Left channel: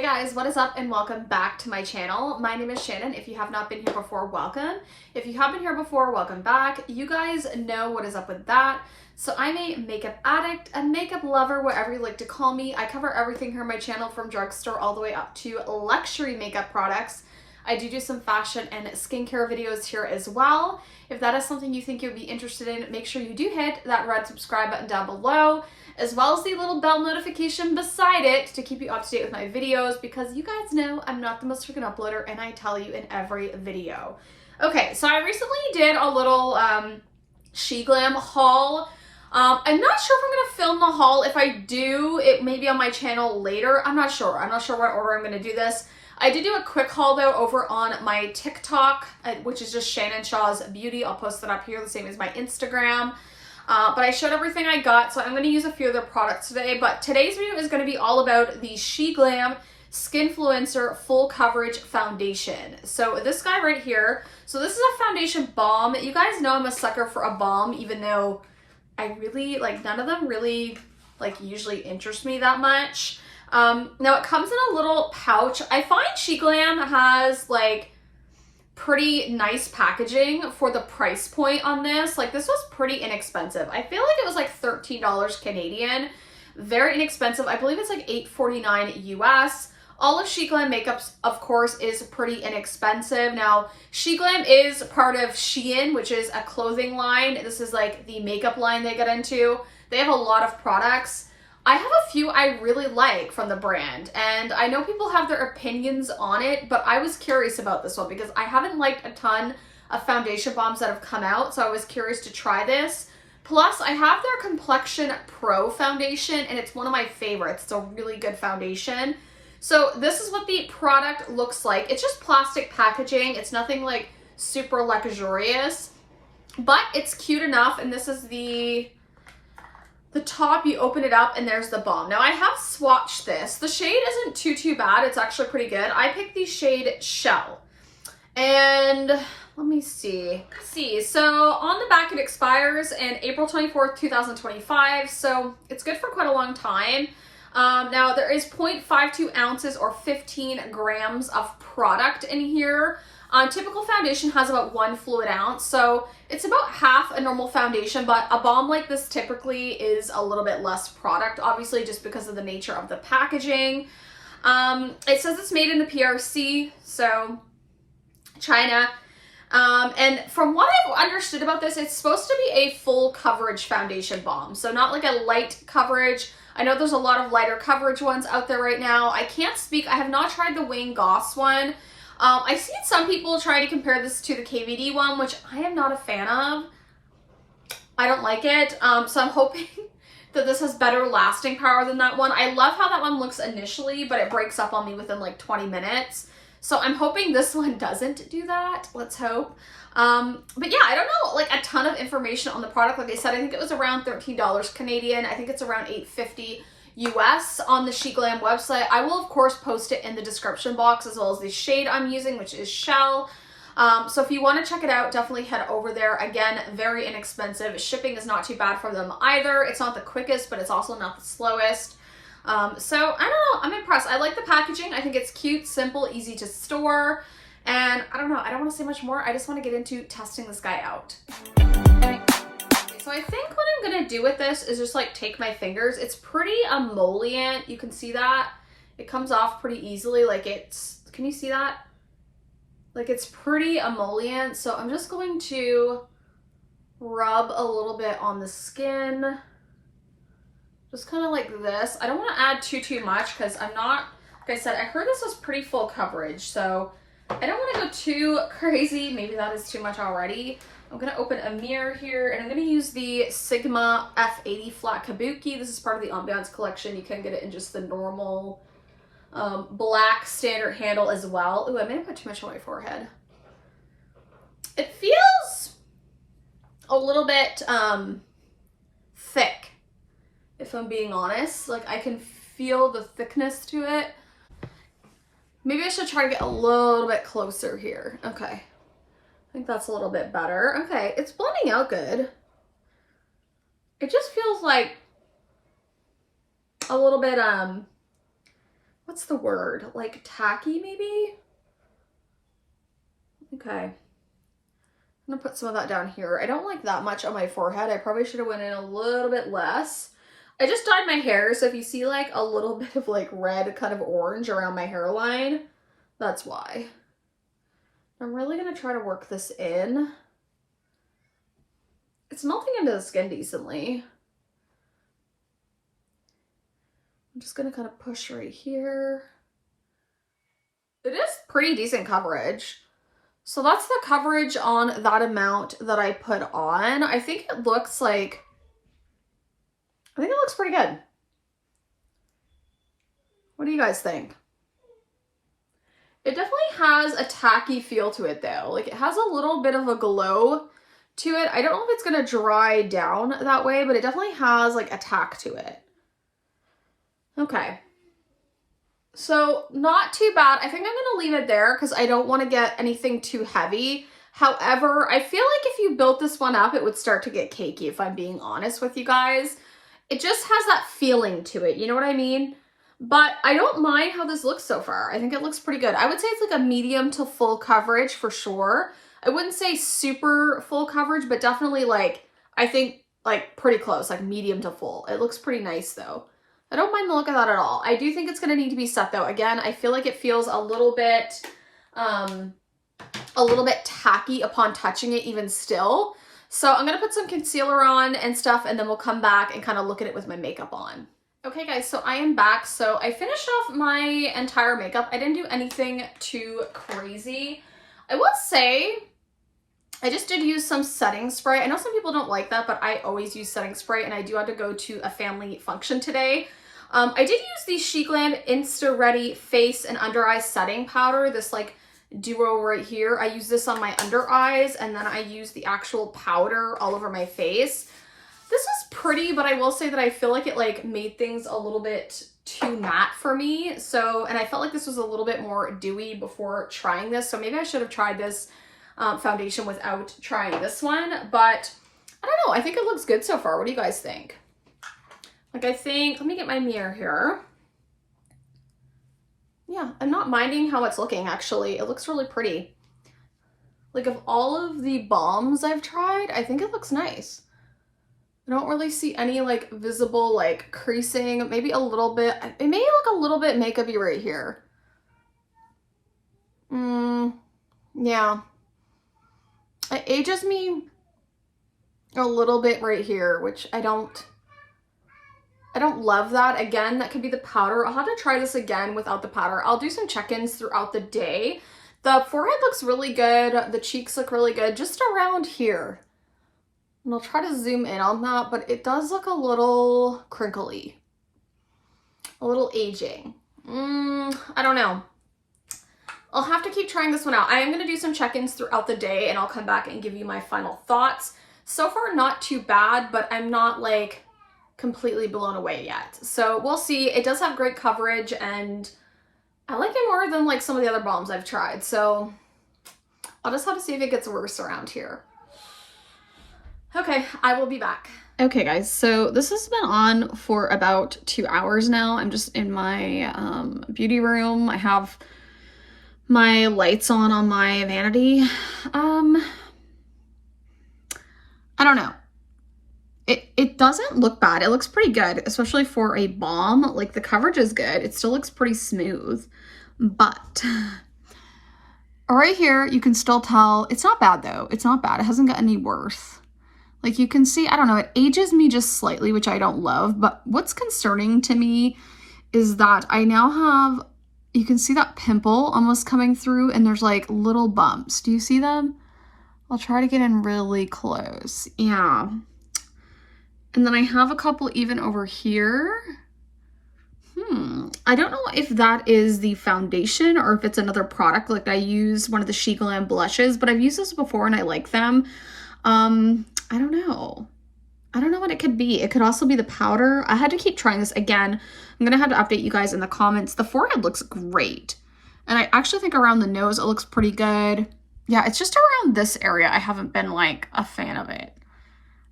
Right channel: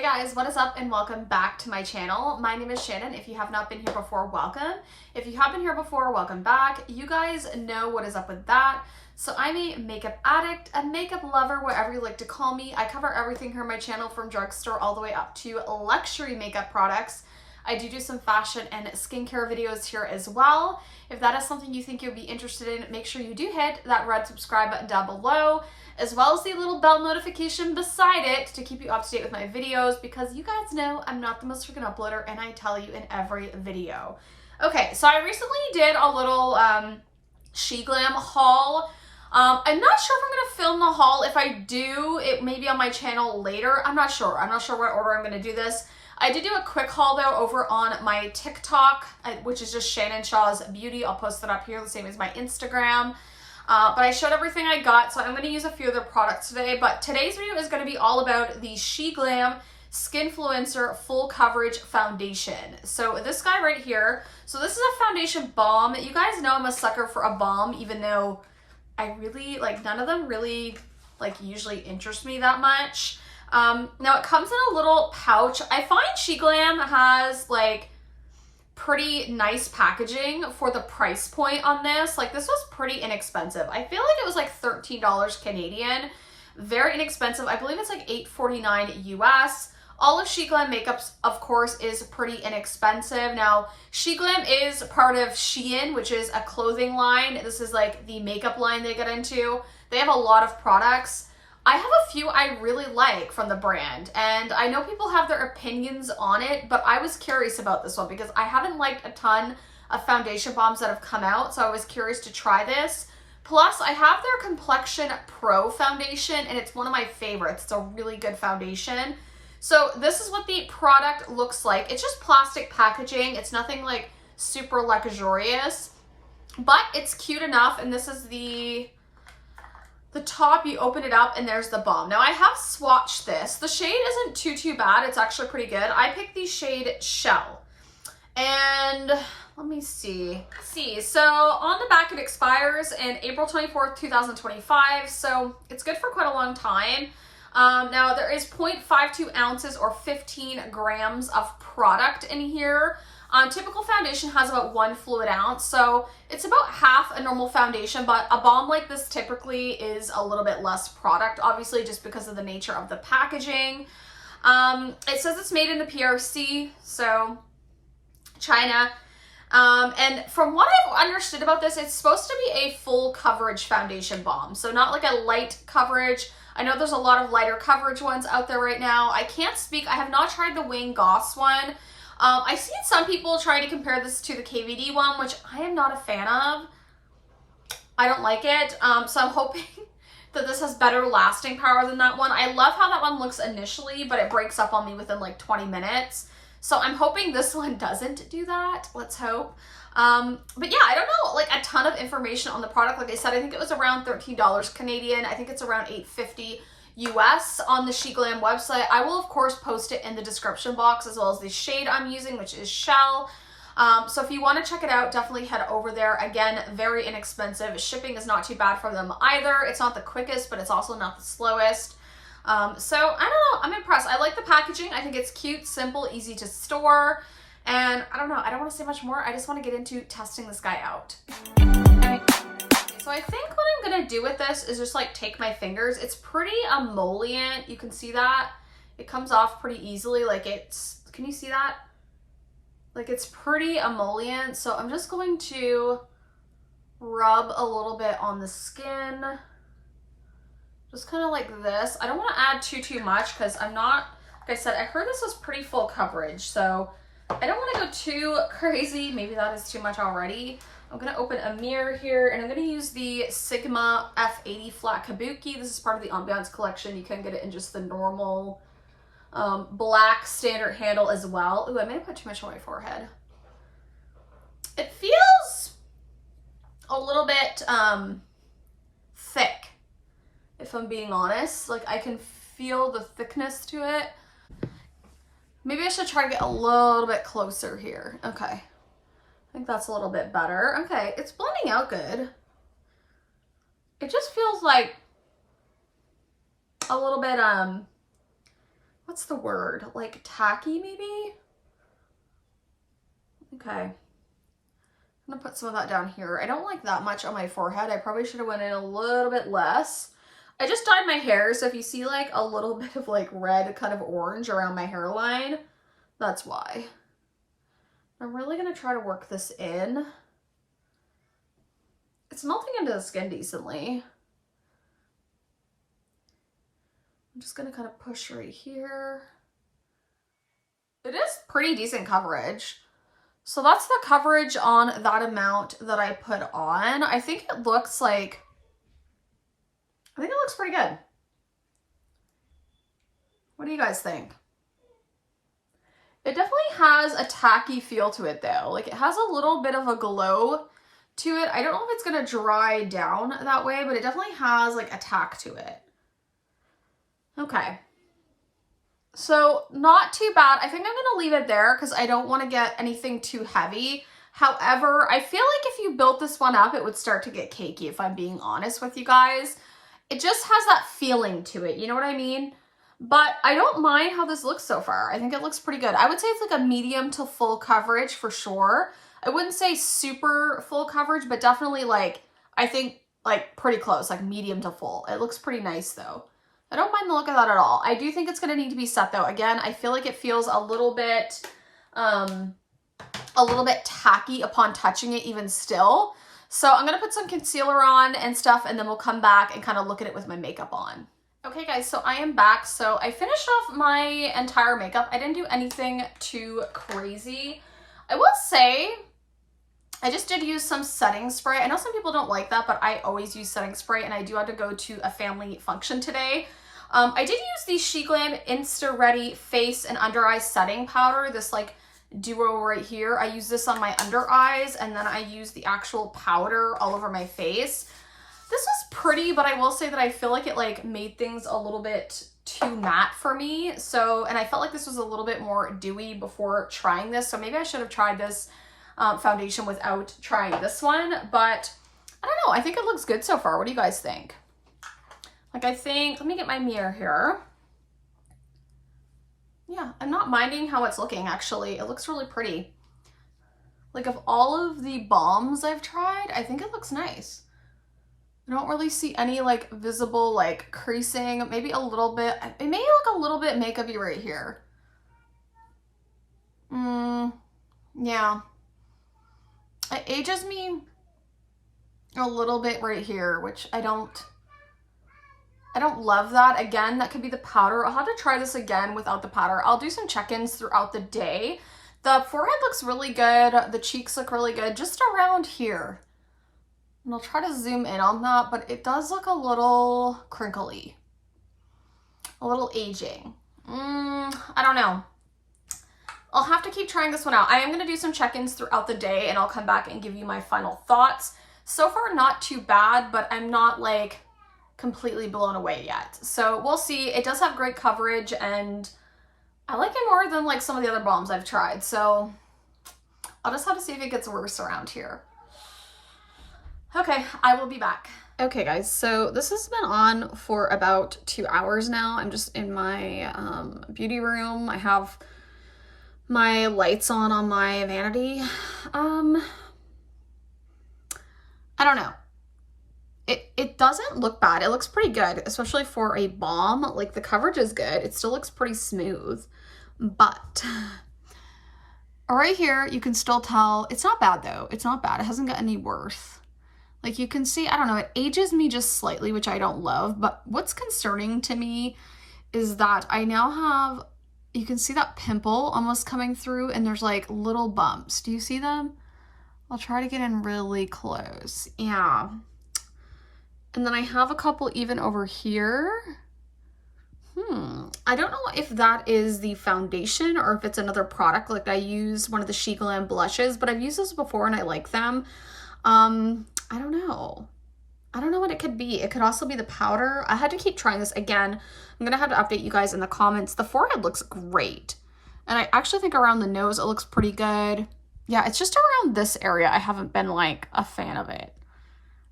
Hey guys, what is up and welcome back to my channel. My name is Shannon. If you have not been here before, welcome. If you have been here before, welcome back. You guys know what is up with that. So I'm a makeup addict, a makeup lover, whatever you like to call me. I cover everything here on my channel from drugstore all the way up to luxury makeup products. I do some fashion and skincare videos here as well. If that is something you think you'd be interested in, make sure you do hit that red subscribe button down below, as well as the little bell notification beside it to keep you up to date with my videos, because you guys know I'm not the most freaking uploader and I tell you in every video. Okay, so I recently did a little SheGlam haul. I'm not sure if I'm gonna film the haul. If I do, it may be on my channel later. I'm not sure what order I'm gonna do this. I did do a quick haul though over on my TikTok, which is just Shannon Shaw's Beauty. I'll post that up here, the same as my Instagram. But I showed everything I got, so I'm going to use a few of their products today. But today's video is going to be all about the SheGlam Skinfluencer Full Coverage Foundation. So this guy right here, so this is a foundation balm. You guys know I'm a sucker for a balm, even though I really, none of them really, usually interest me that much. Now it comes in a little pouch. I find SheGlam has, pretty nice packaging for the price point on this. This was pretty inexpensive. I feel like it was $13 Canadian. Very inexpensive. I believe it's $8.49 US. All of SheGlam makeup, of course, is pretty inexpensive. Now, SheGlam is part of Shein, which is a clothing line. This is the makeup line they get into. They have a lot of products. I have a few I really like from the brand, and I know people have their opinions on it, but I was curious about this one because I haven't liked a ton of foundation balms that have come out, so I was curious to try this. Plus, I have their Complexion Pro foundation, and it's one of my favorites. It's a really good foundation. So this is what the product looks like. It's just plastic packaging. It's nothing super luxurious, but it's cute enough, and this is the top. You open it up and there's the balm. Now I have swatched this. The shade isn't too bad. It's actually pretty good. I picked the shade Shell. And let me see. So on the back it expires in April 24th, 2025. So it's good for quite a long time. Now there is 0.52 ounces or 15 grams of product in here. Typical foundation has about 1 fluid ounce, so it's about half a normal foundation, but a balm like this typically is a little bit less product, obviously, just because of the nature of the packaging. It says it's made in the PRC, so China. And from what I've understood about this, it's supposed to be a full coverage foundation balm, so not a light coverage. I know there's a lot of lighter coverage ones out there right now. I can't speak. I have not tried the Wayne Goss one. I've seen some people try to compare this to the KVD one, which I am not a fan of. I don't like it. So I'm hoping that this has better lasting power than that one. I love how that one looks initially, but it breaks up on me within 20 minutes. So I'm hoping this one doesn't do that. Let's hope. But yeah, I don't know a ton of information on the product. Like I said, I think it was around $13 Canadian. I think it's around $8.50 US on the SheGlam website. I will of course post it in the description box, as well as the shade I'm using, which is Shell. So if you want to check it out, definitely head over there. Again, very inexpensive. Shipping is not too bad for them either. It's not the quickest, but it's also not the slowest. So I don't know, I'm impressed. I like the packaging. I think it's cute, simple, easy to store. And I don't know, I don't want to say much more. I just want to get into testing this guy out. So I think what I'm going to do with this is just take my fingers. It's pretty emollient. You can see that. It comes off pretty easily. Can you see that? It's pretty emollient. So I'm just going to rub a little bit on the skin. Just kind of like this. I don't want to add too much because I'm not, like I said, I heard this was pretty full coverage. So I don't want to go too crazy. Maybe that is too much already. I'm going to open a mirror here, and I'm going to use the Sigma F80 Flat Kabuki. This is part of the Ambiance collection. You can get it in just the normal black standard handle as well. Ooh, I may have put too much on my forehead. It feels a little bit thick, if I'm being honest. I can feel the thickness to it. Maybe I should try to get a little bit closer here. Okay. I think that's a little bit better. Okay, it's blending out good. It just feels like a little bit, what what's the word? Like tacky maybe? Okay. I'm gonna put some of that down here. I don't like that much on my forehead. I probably should have went in a little bit less. I just dyed my hair, so if you see like a little bit of like red kind of orange around my hairline, that's why. I'm really gonna try to work this in. It's melting into the skin decently. I'm just gonna kind of push right here. It is pretty decent coverage. So that's the coverage on that amount that I put on. I think it looks pretty good. What do you guys think? It definitely has a tacky feel to it though. Like it has a little bit of a glow to it. I don't know if it's gonna dry down that way, but it definitely has like a tack to it. Okay. So not too bad. I think I'm gonna leave it there because I don't want to get anything too heavy. However, I feel like if you built this one up, it would start to get cakey if I'm being honest with you guys. It just has that feeling to it, you know what I mean? But I don't mind how this looks so far. I think it looks pretty good. I would say it's like a medium to full coverage for sure. I wouldn't say super full coverage, but definitely like, I think like pretty close, like medium to full. It looks pretty nice though. I don't mind the look of that at all. I do think it's gonna need to be set though. Again, I feel like it feels a little bit tacky upon touching it even still. So I'm gonna put some concealer on and stuff, and then we'll come back and kind of look at it with my makeup on. Okay guys, so I am back. So I finished off my entire makeup. I didn't do anything too crazy. I will say, I just did use some setting spray. I know some people don't like that, but I always use setting spray, and I do have to go to a family function today. I did use the SheGlam Insta Ready Face and Under Eye Setting Powder, this like duo right here. I use this on my under eyes, and then I use the actual powder all over my face. This was pretty, but I will say that I feel like it like made things a little bit too matte for me. So, and I felt like this was a little bit more dewy before trying this. So maybe I should have tried this foundation without trying this one, but I don't know. I think it looks good so far. What do you guys think? Like, I think, let me get my mirror here. Yeah, I'm not minding how it's looking, actually. It looks really pretty. Like, of all of the balms I've tried, I think it looks nice. I don't really see any, like, visible, like, creasing. Maybe a little bit. It may look a little bit makeup-y right here. Yeah. It ages me a little bit right here, which I don't love that. Again, that could be the powder. I'll have to try this again without the powder. I'll do some check-ins throughout the day. The forehead looks really good. The cheeks look really good, just around here. And I'll try to zoom in on that, but it does look a little crinkly, a little aging. I don't know. I'll have to keep trying this one out. I am going to do some check-ins throughout the day, and I'll come back and give you my final thoughts. So far, not too bad, but I'm not like completely blown away yet. So we'll see. It does have great coverage, and I like it more than like some of the other balms I've tried. So I'll just have to see if it gets worse around here. Okay, I will be back. Okay guys, so this has been on for about 2 hours now. I'm just in my beauty room. I have my lights on my vanity. I don't know. It doesn't look bad. It looks pretty good, especially for a balm. Like, the coverage is good. It still looks pretty smooth, but right here, you can still tell it's not bad though. It's not bad. It hasn't gotten any worse. Like, you can see, I don't know, it ages me just slightly, which I don't love, but what's concerning to me is that I now have, you can see that pimple almost coming through, and there's like little bumps. Do you see them? I'll try to get in really close. Yeah. And then I have a couple even over here. I don't know if that is the foundation or if it's another product. Like, I use one of the SheGlam blushes, but I've used those before and I like them. I don't know. I don't know what it could be. It could also be the powder. I had to keep trying this again. I'm going to have to update you guys in the comments. The forehead looks great. And I actually think around the nose, it looks pretty good. Yeah, it's just around this area I haven't been like a fan of it.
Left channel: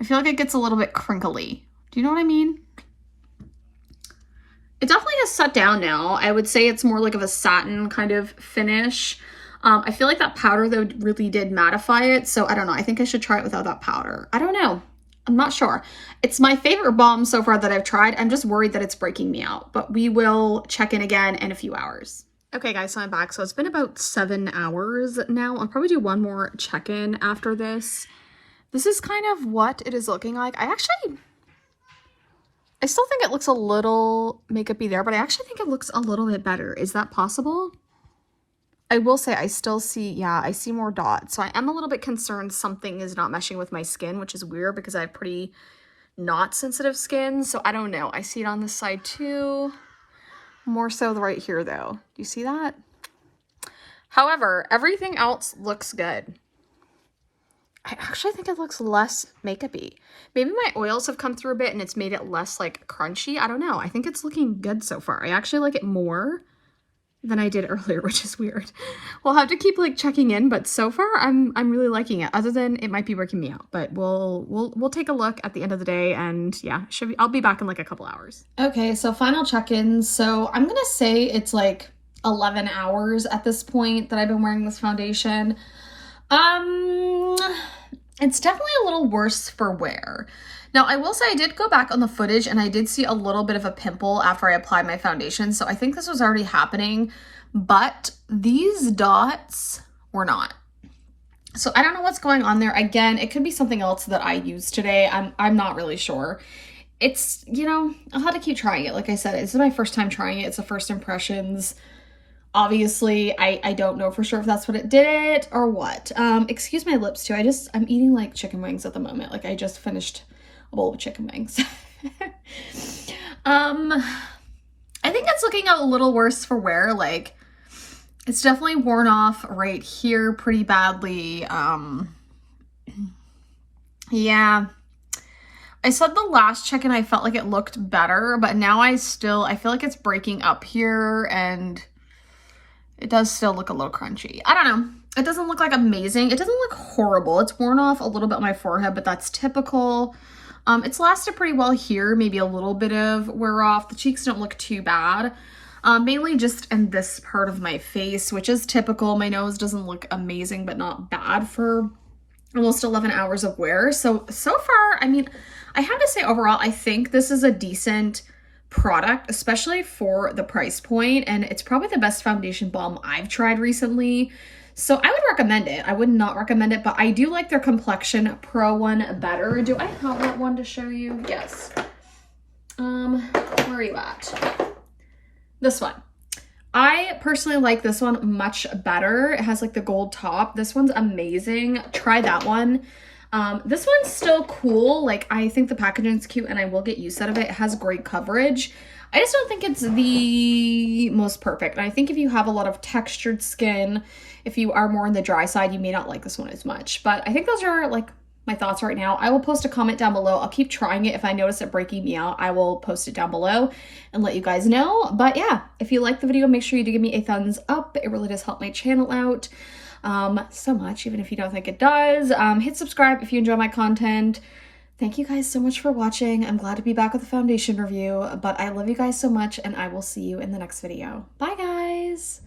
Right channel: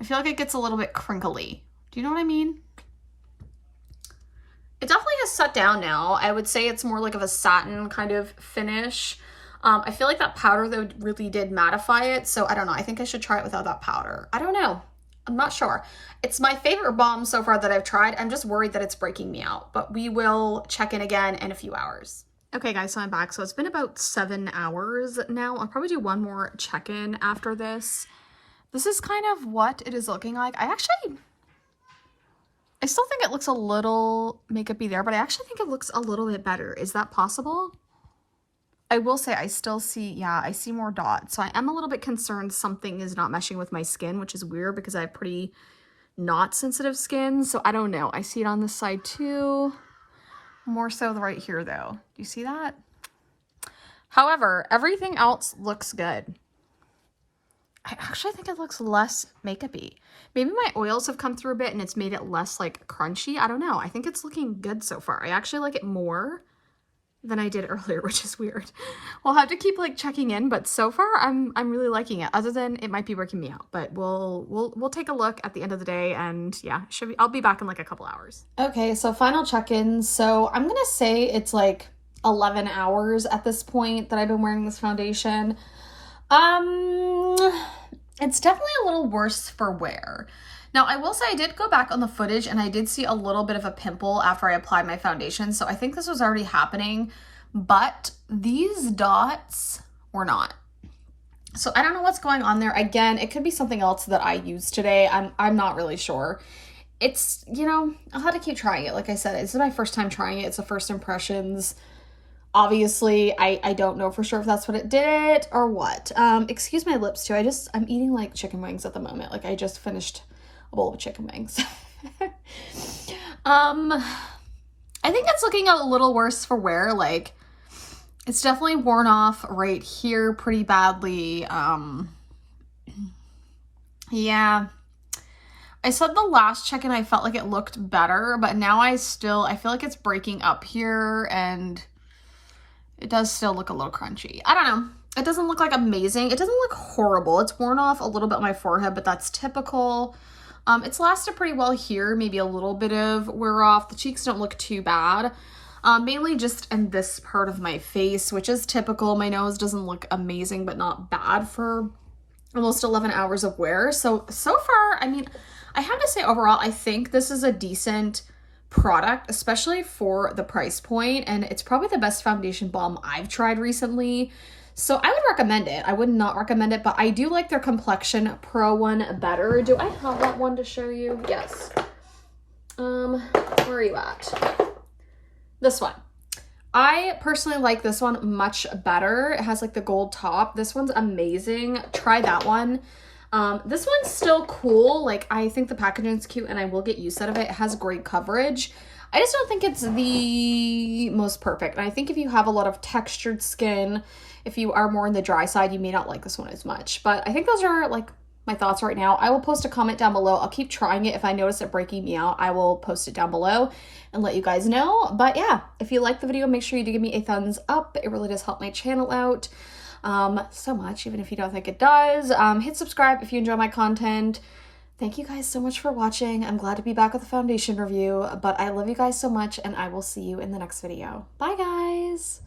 I feel like it gets a little bit crinkly. Do you know what I mean? It definitely has set down now. I would say it's more like of a satin kind of finish. I feel like that powder though really did mattify it. So I don't know. I think I should try it without that powder. I don't know. I'm not sure. It's my favorite balm so far that I've tried. I'm just worried that it's breaking me out, but we will check in again in a few hours. Okay guys, so I'm back. So it's been about 7 hours now. I'll probably do one more check-in after this. This is kind of what it is looking like. I still think it looks a little makeup-y there, but I actually think it looks a little bit better. Is that possible? I will say I still see, yeah, I see more dots. So I am a little bit concerned something is not meshing with my skin, which is weird because I have pretty not sensitive skin. So I don't know. I see it on this side too. More so right here though. Do you see that? However, everything else looks good. I actually think it looks less makeup-y. Maybe my oils have come through a bit and it's made it less like crunchy. I don't know. I think it's looking good so far. I actually like it more than I did earlier, which is weird. We'll have to keep like checking in, but so far I'm really liking it. Other than it might be working me out, but we'll take a look at the end of the day, and yeah, I'll be back in like a couple hours. Okay, so final check-in. So I'm gonna say it's like 11 hours at this point that I've been wearing this foundation. It's definitely a little worse for wear. Now, I will say I did go back on the footage and I did see a little bit of a pimple after I applied my foundation. So I think this was already happening, but these dots were not. So I don't know what's going on there. Again, it could be something else that I used today. I'm not really sure. It's, you know, I'll have to keep trying it. Like I said, this is my first time trying it. It's the first impressions. Obviously, I don't know for sure if that's what it did it or what. Excuse my lips too. I'm eating like chicken wings at the moment. Like I just finished a bowl of chicken wings. I think it's looking a little worse for wear. Like it's definitely worn off right here pretty badly. Yeah. I said the last check-in I felt like it looked better, but now I feel like it's breaking up here and it does still look a little crunchy. I don't know. It doesn't look like amazing. It doesn't look horrible. It's worn off a little bit on my forehead, but that's typical. It's lasted pretty well here. Maybe a little bit of wear off. The cheeks don't look too bad. Mainly just in this part of my face, which is typical. My nose doesn't look amazing, but not bad for almost 11 hours of wear. So far, I mean, I have to say overall, I think this is a decent product, especially for the price point, and it's probably the best foundation balm I've tried recently, so I would recommend it. I would not recommend it, but I do like their Complexion Pro one better. Do I have that one to show you? Yes. Where are you at? This one. I personally like this one much better. It has like the gold top. This one's amazing. Try that one. This one's still cool. Like, I think the packaging's cute and I will get use out of it. It has great coverage. I just don't think it's the most perfect. And I think if you have a lot of textured skin, if you are more on the dry side, you may not like this one as much. But I think those are like my thoughts right now. I will post a comment down below. I'll keep trying it. If I notice it breaking me out, I will post it down below and let you guys know. But yeah, if you like the video, make sure you do give me a thumbs up. It really does help my channel out so much, even if you don't think it does. Hit subscribe if you enjoy my content. Thank you guys so much for watching. I'm glad to be back with a foundation review, but I love you guys so much and I will see you in the next video. Bye guys.